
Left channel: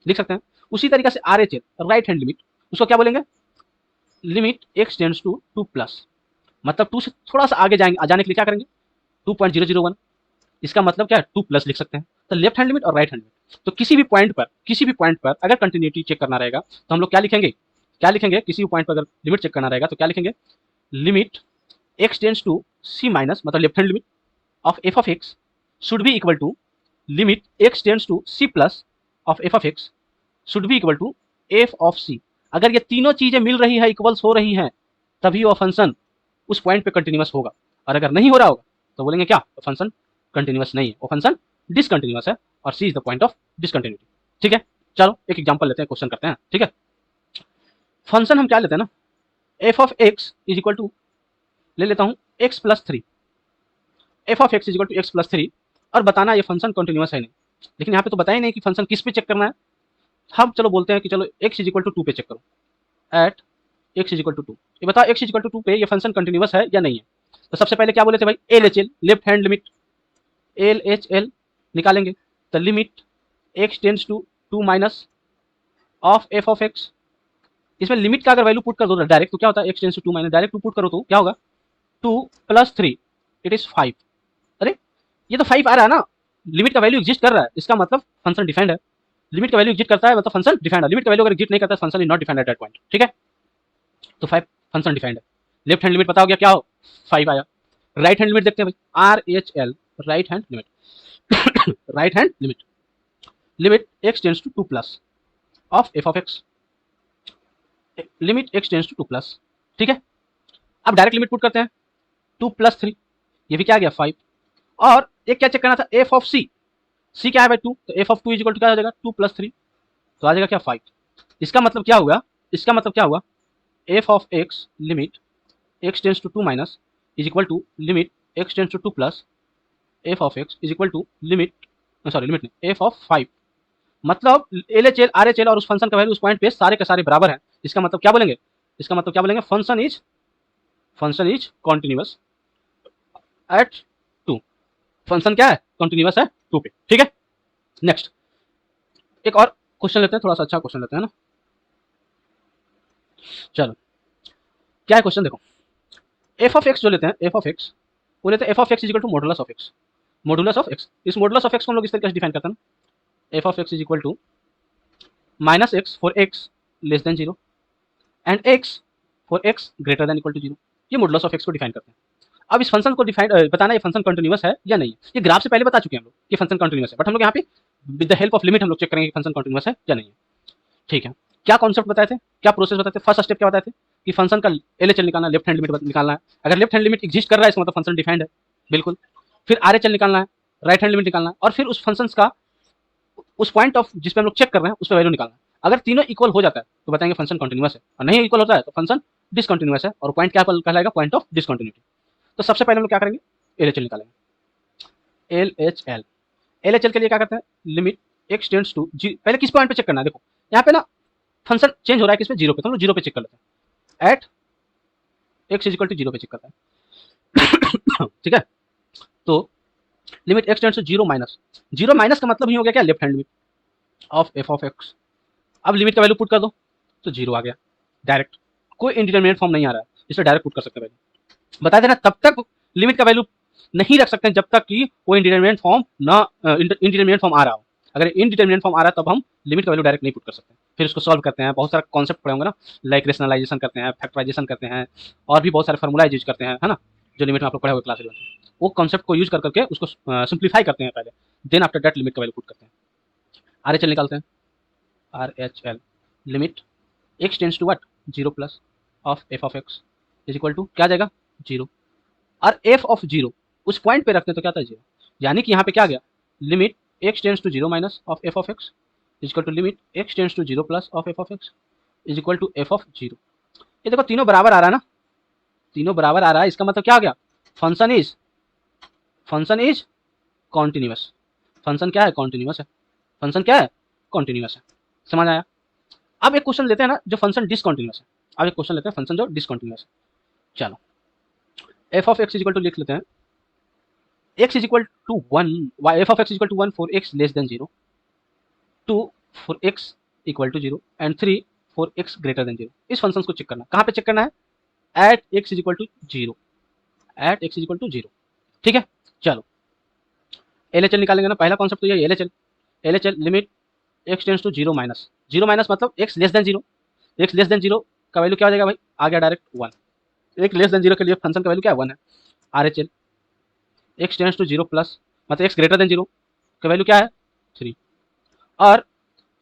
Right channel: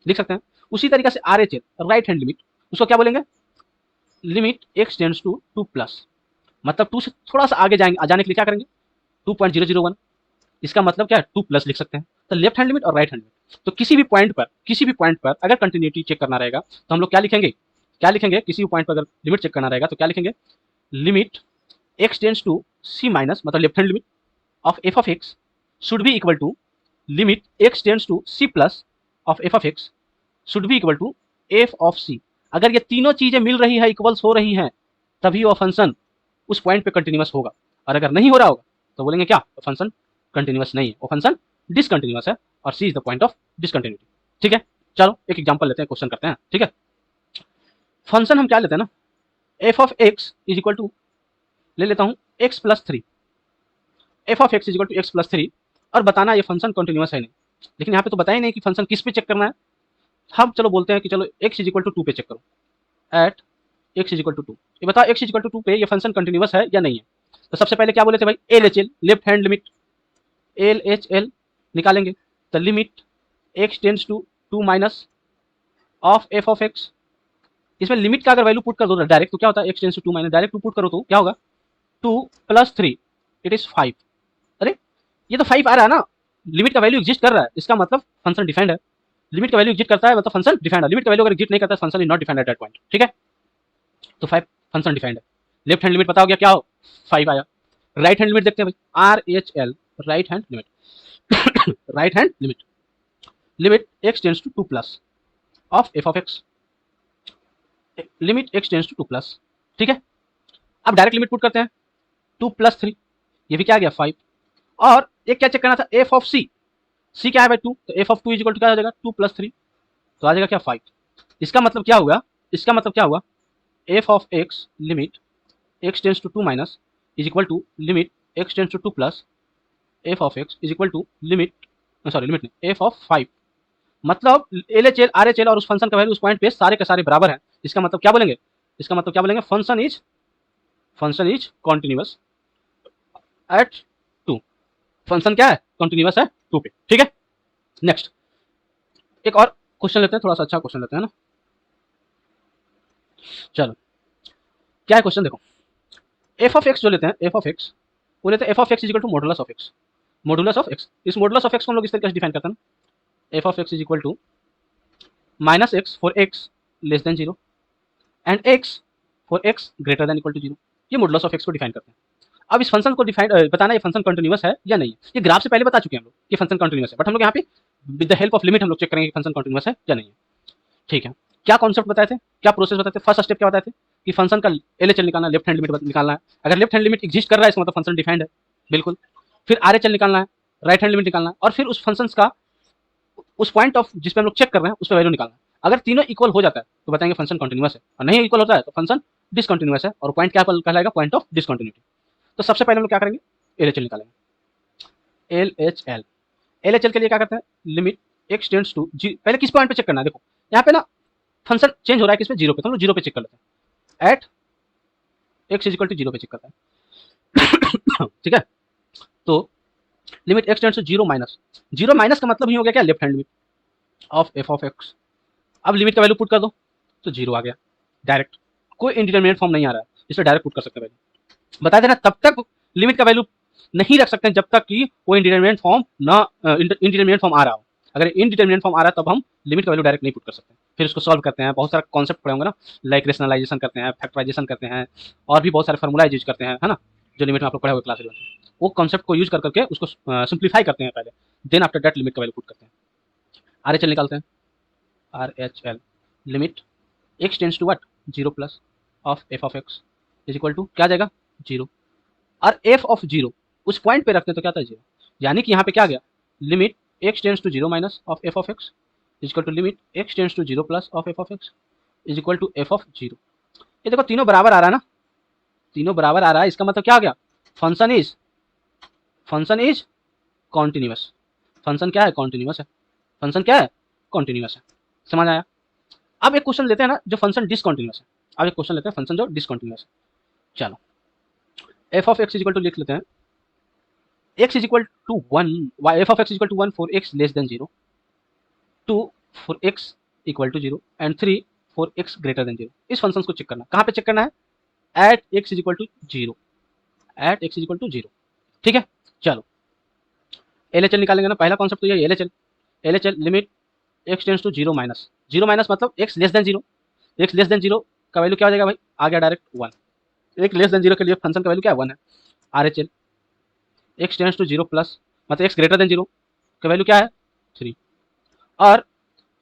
लिख सकते हैं। उसी तरीके से R H L right hand limit, उसको क्या बोलेंगे, limit x tends to 2 plus, मतलब 2 से थोड़ा सा आगे जाएंगे, जाने के लिए क्या करेंगे 2.001, इसका मतलब क्या है 2 प्लस लिख सकते हैं। तो लेफ्ट हैंड लिमिट और राइट हैंड लिमिट, तो किसी भी पॉइंट पर अगर कंटिन्यूटी चेक करना रहेगा तो हम लोग क्या लिखेंगे, किसी भी पॉइंट पर अगर लिमिट चेक करना रहेगा तो क्या लिखेंगे, limit x tends to c minus, मतलब left hand limit of f of x should be equal to limit x tends to c plus of f of x should be equal to F of c. अगर ये तीनों चीजें मिल रही है, equals हो रही हैं, तभी वो फंक्शन उस पॉइंट पे कंटिन्यूअस होगा, और अगर नहीं हो रहा होगा तो बोलेंगे क्या, वो फंक्शन कंटिन्यूअस नहीं है, वो फंक्शन डिसकंटिन्यूअस है, और c is the point of discontinuity. ठीक है, चलो एक एग्जांपल लेते हैं, क्वेश्चन करते हैं। ठीक है, फंक्शन हम क्या लेते हैं ना, f of x is equal to, ले लेता हूँ x plus three, f of x is equal to x plus three, और बताना ये फंक्शन कंटिन्यूअस है नहीं। लेकिन यहाँ पे तो बता ही नहीं कि फंक्शन किस पे चेक करना है, हम चलो बोलते हैं कि चलो एक्स इज इक्वल टू 2 पे चेक करो, at x is equal to 2, ये बताओ एक्स इज इक्वल टू 2 पे ये फंक्शन कंटिन्यूअस है या नहीं है। तो सबसे पहले क्या बोले थे भाई, L H L left hand limit, L H L निकालेंगे, तो limit x tends to 2 minus of f of x, इसमें लिमिट का अगर वैल्यू पुट कर दो डायरेक्ट तो क्या होता है, x tends to 2 minus direct put करो तो क्या होगा, 2 प्लस 3 इट इज 5। अरे ये तो 5 आ रहा है ना, लिमिट का वैल्यू एग्जिस्ट कर रहा है, इसका मतलब फंक्शन डिफाइंड है। लिमिट का वैल्यू एग्जिस्ट करता है मतलब फंक्शन डिफाइंड है, लिमिट का वैल्यू अगर एग्जिस्ट नहीं करता है function is not defined at that point. ठीक है, तो 5 फंक्शन डिफाइंड है। लेफ्ट हैंड लिमिट पता हो गया क्या हो, 5 आया। राइट हैंड लिमिट देखते हैं भाई, R H L right hand limit, right hand limit, limit x tends to 2 plus of f of x, limit x tends to 2 plus. ठीक है, अब डायरेक्ट लिमिट पुट करते हैं, 2 प्लस 3 ये भी क्या आ गया 5, और एक क्या चेक करना था, एफ ऑफ सी, सी क्या है भाई 2, तो F of 2 is equal to क्या हो जाएगा 2 प्लस 3, तो आ जाएगा फिर 5। इसका मतलब क्या होगा, इसका मतलब क्या होगा, f of x limit x tends to 2 minus is equal to limit x tends to 2 plus f of x is equal to limit, sorry limit नहीं, एफ ऑफ 5, मतलब L H L R H L और उस function का value उस point पे सारे के सारे बराबर है। इसका मतलब क्या बोलेंगे, इसका मतलब क्या बोलेंगे, function is continuous at 2, function क्या है, कॉन्टिन्यूअस है 2 पे। ठीक है, नेक्स्ट एक और क्वेश्चन लेते हैं, थोड़ा सा अच्छा क्वेश्चन लेते हैं ना। चलो क्या है क्वेश्चन, देखो एफ ऑफ एक्स जो लेते हैं, एफ ऑफ एक्स वो लेते हैं, f of x is equal to modulus of x, modulus of x. इस मॉडुलस ऑफ एक्स को हम लोग इस तरीके से डिफाइन करते हैं, f of x is equal to minus x for x less than 0 and x for x greater than equal to 0, ये मॉडुलस ऑफ एक्स को डिफाइन करते हैं। अब इस फंक्शन को डिफाइन बताना, ये फंक्शन कंटिन्यूअस है या नहीं, ये ग्राफ से पहले बता चुके हैं कि फंक्शन कंटिन्यूअस है, बट हम लोग यहाँ पे with the help of limit हम लोग चेक करेंगे फंक्शन कंटिन्यूअस है या नहीं। ठीक है, क्या कॉन्सेप्ट बताए थे, क्या प्रोसेस बताए थे, फर्स्ट स्टेप क्या बताए थे कि फंक्शन का एलएचएल निकालना, लेफ्ट हैंड लिमिट निकालना है, अगर लेफ्ट हैंड लिमिट एग्जिस्ट कर रहा है इसका मतलब फंक्शन डिफाइंड है, बिल्कुल। फिर आरएचएल निकालना है, राइट हैंड लिमिट निकालना है, और फिर उस फंक्शन का उस पॉइंट ऑफ जिस पे हम लोग चेक कर रहे हैं उसका वैल्यू निकालना है। अगर तीनों इक्वल हो जाता है तो बताएंगे फंक्शन कंटिन्यूअस है, और नहीं इक्वल होता है तो फंक्शन डिसकंटिन्यूअस है, और पॉइंट क्या कहलाएगा, पॉइंट ऑफ डिसकंटिन्यूटी। तो सबसे पहले हम लोग क्या करेंगे, LHL निकालेंगे। LHL LHL के लिए क्या करते हैं, लिमिट x टेंड्स टू जी, पहले किस पॉइंट पे चेक करना है, देखो यहाँ पे ना फंक्शन चेंज हो रहा है किस पे, जीरो पे, तो हम लोग जीरो पे चेक कर लेते हैं। At x is equal to zero पे चेक करते हैं। ठीक है, तो limit x tends to zero minus, zero minus का मतलब ये हो गया क्या, left hand limit of f of x। अब लिमिट का वैल्यू पुट कर दो तो जीरो आ गया डायरेक्ट, कोई इंडिटरमिनेट फॉर्म नहीं आ रहा है, इसलिए डायरेक्ट पुट कर सकते हैं वैल्यू। बता देना तब तक लिमिट का वैल्यू नहीं रख सकते जब तक कि कोई इंडिटरमिनेट फॉर्म ना इंडिटरमिनेट फॉर्म आ रहा हो। अगर इंडिटरमिनेट फॉर्म आ रहा है तब हम लिमिट का वैल्यू डायरेक्ट नहीं पुट कर सकते। फिर इसको सॉल्व करते हैं, बहुत सारे कॉन्सेप्ट पढ़े होंगे ना, लाइक रेशनलाइजेशन करते हैं, फैक्टराइजेशन करते हैं, और भी बहुत सारे फार्मूलाइज यूज करते हैं, है ना, जो लिमिट में आप लोग पढ़े हुए क्लास में, वो कॉन्सेप्ट को यूज कर करके उसको सिंप्लीफाई करते हैं पहले, देन आफ्टर दैट लिमिट का वैल्यू पुट करते हैं। RHL निकालते हैं। RHL limit x tends to what, zero plus of f of x is equal to क्या आ जाएगा, जीरो, और f ऑफ जीरो उस पॉइंट पे रखते हैं तो क्या था, जीरो, यानी कि यहाँ पे क्या आ गया, limit x tends to zero minus of f of x is equal to limit x tends to zero plus of f of x is equal to f of zero. ये देखो तीनों बराबर आ रहा है ना, तीनों बराबर आ रहा है, इसका मतलब क्या आ गया, फंक्शन इज कॉन्टिन्यूअस, फंक्शन क्या है, कॉन्टिन्यूअस है, फंक्शन क्या है, कॉन्टिन्यूअस है। समझ आया। अब एक क्वेश्चन लेते हैं ना जो फंक्शन डिसकंटिन्यूअस है, अब एक क्वेश्चन लेते हैं फंक्शन जो डिसकंटिन्यूअस है। चलो f of x is equal to लिख लेते हैं, x is equal to 1, f of x is equal to 1 for x less than 0, 2 for x equal to 0 and 3 for x greater than 0। इस function को check करना, कहाँ पे check करना है, at x is equal to 0, at x is equal to 0। ठीक है, चलो LHL निकालेंगे ना, पहला कॉन्सेप्ट तो ये LHL, LHL limit x tends to 0 minus, 0 minus मतलब x less than 0, x less than 0 का वैल्यू क्या हो जाएगा भाई, आ गया डायरेक्ट 1, एक लेस देन 0 के लिए फंक्शन का वैल्यू क्या है, 1 है। RHL x tends to 0 plus मतलब x ग्रेटर देन 0 का वैल्यू क्या है, 3, और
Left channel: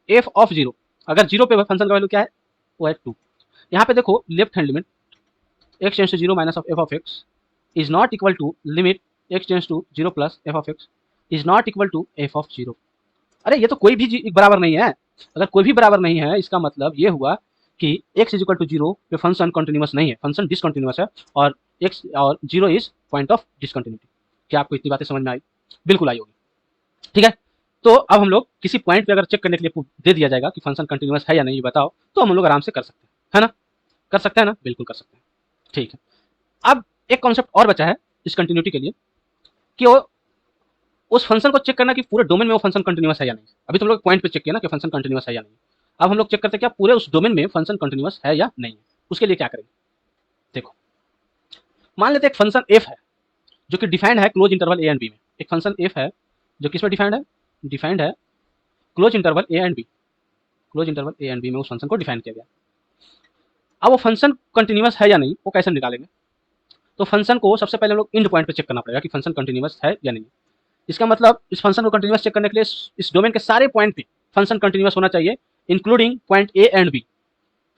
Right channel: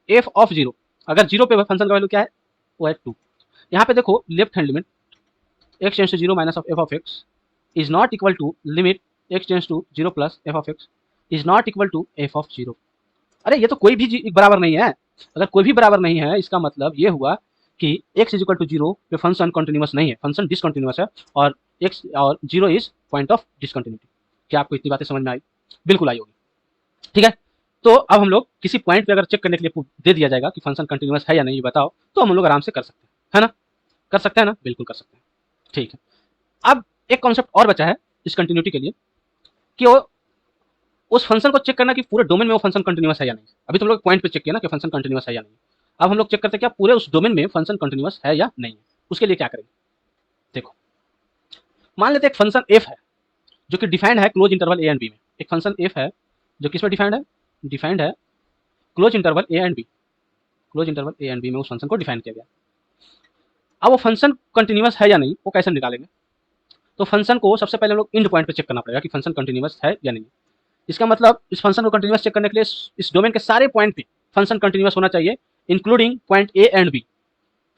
f ऑफ 0 अगर 0 पे फंक्शन का वैल्यू क्या है, वो है 2। यहाँ पे देखो left hand limit x tends to 0 minus of f of x is not equal to limit x tends to 0 plus f of x is not equal to f of 0। अरे ये तो कोई भी बराबर नहीं है, अगर कोई भी बराबर नहीं है इसका मतलब ये हुआ कि x इज इक्वल टू 0 पे फंक्शन कंटिन्यूअस नहीं है, फंक्शन डिसकंटिन्यूअस है, और x और 0 इज पॉइंट ऑफ डिसकंटिन्यूटी। क्या आपको इतनी बातें समझ में आई, बिल्कुल आई होगी। ठीक है, तो अब हम लोग किसी पॉइंट पे अगर चेक करने के लिए दे दिया जाएगा कि फंक्शन कंटिन्यूअस है या नहीं बताओ, तो हम लोग आराम से कर सकते हैं, है ना, कर सकते हैं ना, बिल्कुल कर सकते हैं। ठीक है, अब एक कॉन्सेप्ट और बचा है डिसकंटिन्यूटी के लिए, कि वो उस फंक्शन को चेक करना कि पूरे डोमेन में वो फंक्शन कंटिन्यूअस है या नहीं। अभी तो हम लोग पॉइंट पे चेक किया ना कि फंक्शन कंटिन्यूअस है या नहीं, अब हम लोग चेक करते हैं क्या पूरे उस डोमेन में फंक्शन कंटिन्यूअस है या नहीं। उसके लिए क्या करेंगे, देखो मान लेते हैं एक फंक्शन f है जो कि डिफाइंड है close interval a and b में, एक फंक्शन f है जो किस में डिफाइंड है close interval a and b, close interval a and b में उस फंक्शन को डिफाइन किया गया। अब वो फंक्शन कंटिन्यूअस है या नहीं वो कैसे निकालेंगे, तो फंक्शन को सबसे पहले हम लोग इंड पॉइंट पे चेक करना पड़ेगा कि फंक्शन कंटिन्यूअस है या नहीं। इसका मतलब इस फंक्शन को कंटिन्यूअस चेक करने के लिए इस डोमेन के सारे पॉइंट पे फंक्शन कंटिन्यूअस होना चाहिए, including point a and b,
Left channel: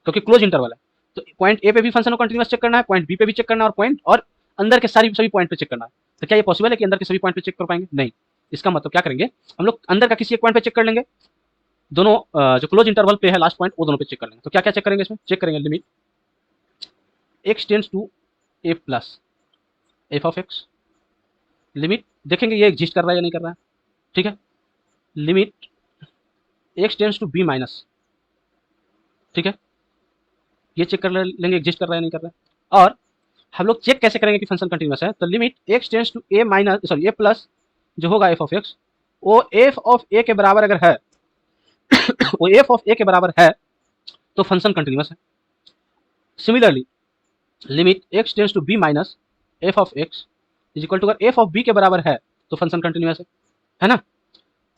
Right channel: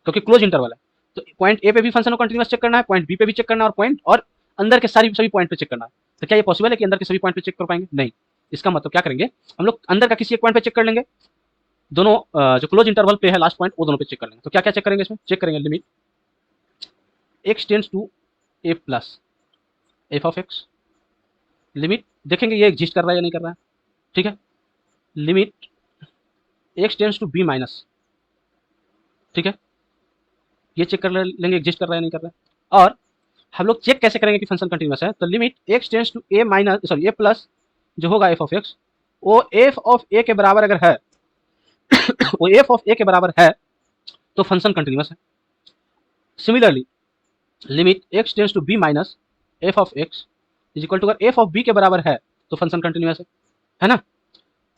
क्योंकि क्लोज इंटरवल है। तो पॉइंट ए पे भी फंक्शन को कंटिन्यूअस चेक करना है, पॉइंट बी पे भी चेक करना है, और पॉइंट और अंदर के सभी पॉइंट पे चेक करना है। तो क्या ये पॉसिबल है कि अंदर के सभी पॉइंट पे चेक कर पाएंगे, नहीं। इसका मतलब क्या करेंगे, हम लोग अंदर का किसी एक पॉइंट पे चेक कर लेंगे, दोनों जो क्लोज इंटरवल पे है लास्ट पॉइंट वो दोनों पे चेक कर लेंगे। तो क्या क्या चेक करेंगे, इसमें चेक करेंगे limit x tends to f plus f of x, limit देखेंगे ये एग्जिस्ट कर रहा है या नहीं कर रहा है। ठीक है, limit x tends to b minus, ठीक है, ये चेक कर लेंगे एग्जिस्ट कर रहा है नहीं कर रहा है। और हम लोग चेक कैसे करेंगे कि फंक्शन कंटिन्यूअस है, तो limit x tends to a minus sorry a plus जो होगा f ऑफ x, वो f ऑफ a के बराबर अगर है वो f ऑफ a के बराबर है तो फंक्शन कंटिन्यूअस है। Similarly limit x tends to b minus f of x is equal to अगर f ऑफ b के बराबर है तो फंक्शन कंटिन्यूअस है ना।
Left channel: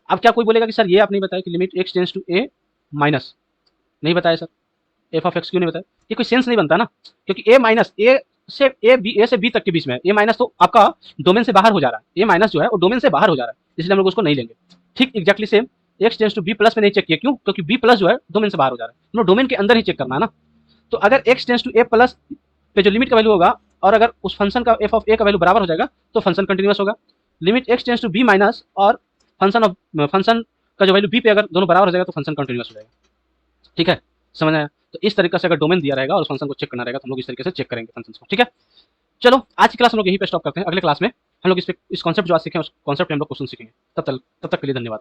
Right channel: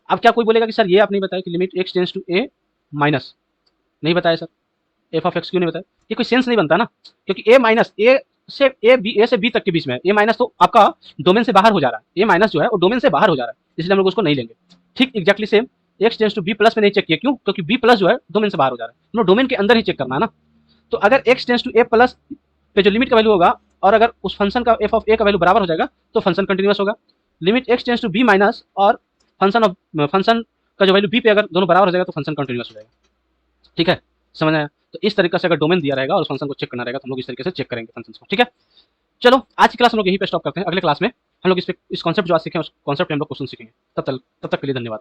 अब क्या कोई बोलेगा कि सर ये आप नहीं बताया कि limit x tends to a minus, नहीं बताया सर, f ऑफ x क्यों नहीं बताया, ये कोई सेंस नहीं बनता ना, क्योंकि a माइनस a से b तक के बीच में a माइनस तो आपका डोमेन से बाहर हो जा रहा है, a माइनस जो है वो डोमेन से बाहर हो जा रहा है, इसलिए हम लोग उसको नहीं लेंगे। ठीक exactly same x tends to b plus में नहीं चेक किया, क्यों, क्योंकि b प्लस जो है डोमेन से बाहर हो जा रहा है, हम लोग डोमेन के अंदर ही चेक करना है ना। तो अगर x tends to a plus पे जो लिमिट का वैल्यू होगा और अगर उस फंक्शन का f ऑफ a का वैल्यू बराबर हो जाएगा तो फंक्शन कंटिन्यूअस होगा। Limit x tends to b minus और फंक्शन का जो वैल्यू b पे अगर दोनों बराबर हो जाएगा तो फंक्शन कंटिन्यूअस हो जाएगा। ठीक है, समझ आया। तो इस तरीके से अगर डोमेन दिया रहेगा और फंक्शन को चेक करना रहेगा तो हम लोग इस तरीके से चेक करेंगे फंक्शन को। ठीक है, चलो आज की क्लास हम लोग यहीं पे स्टॉप करते हैं, अगले क्लास में हम लोग इस कॉन्सेप्ट जो आज सीखे उस कॉन्सेप्ट पे हम लोग क्वेश्चन सीखेंगे। तब तक के लिए धन्यवाद।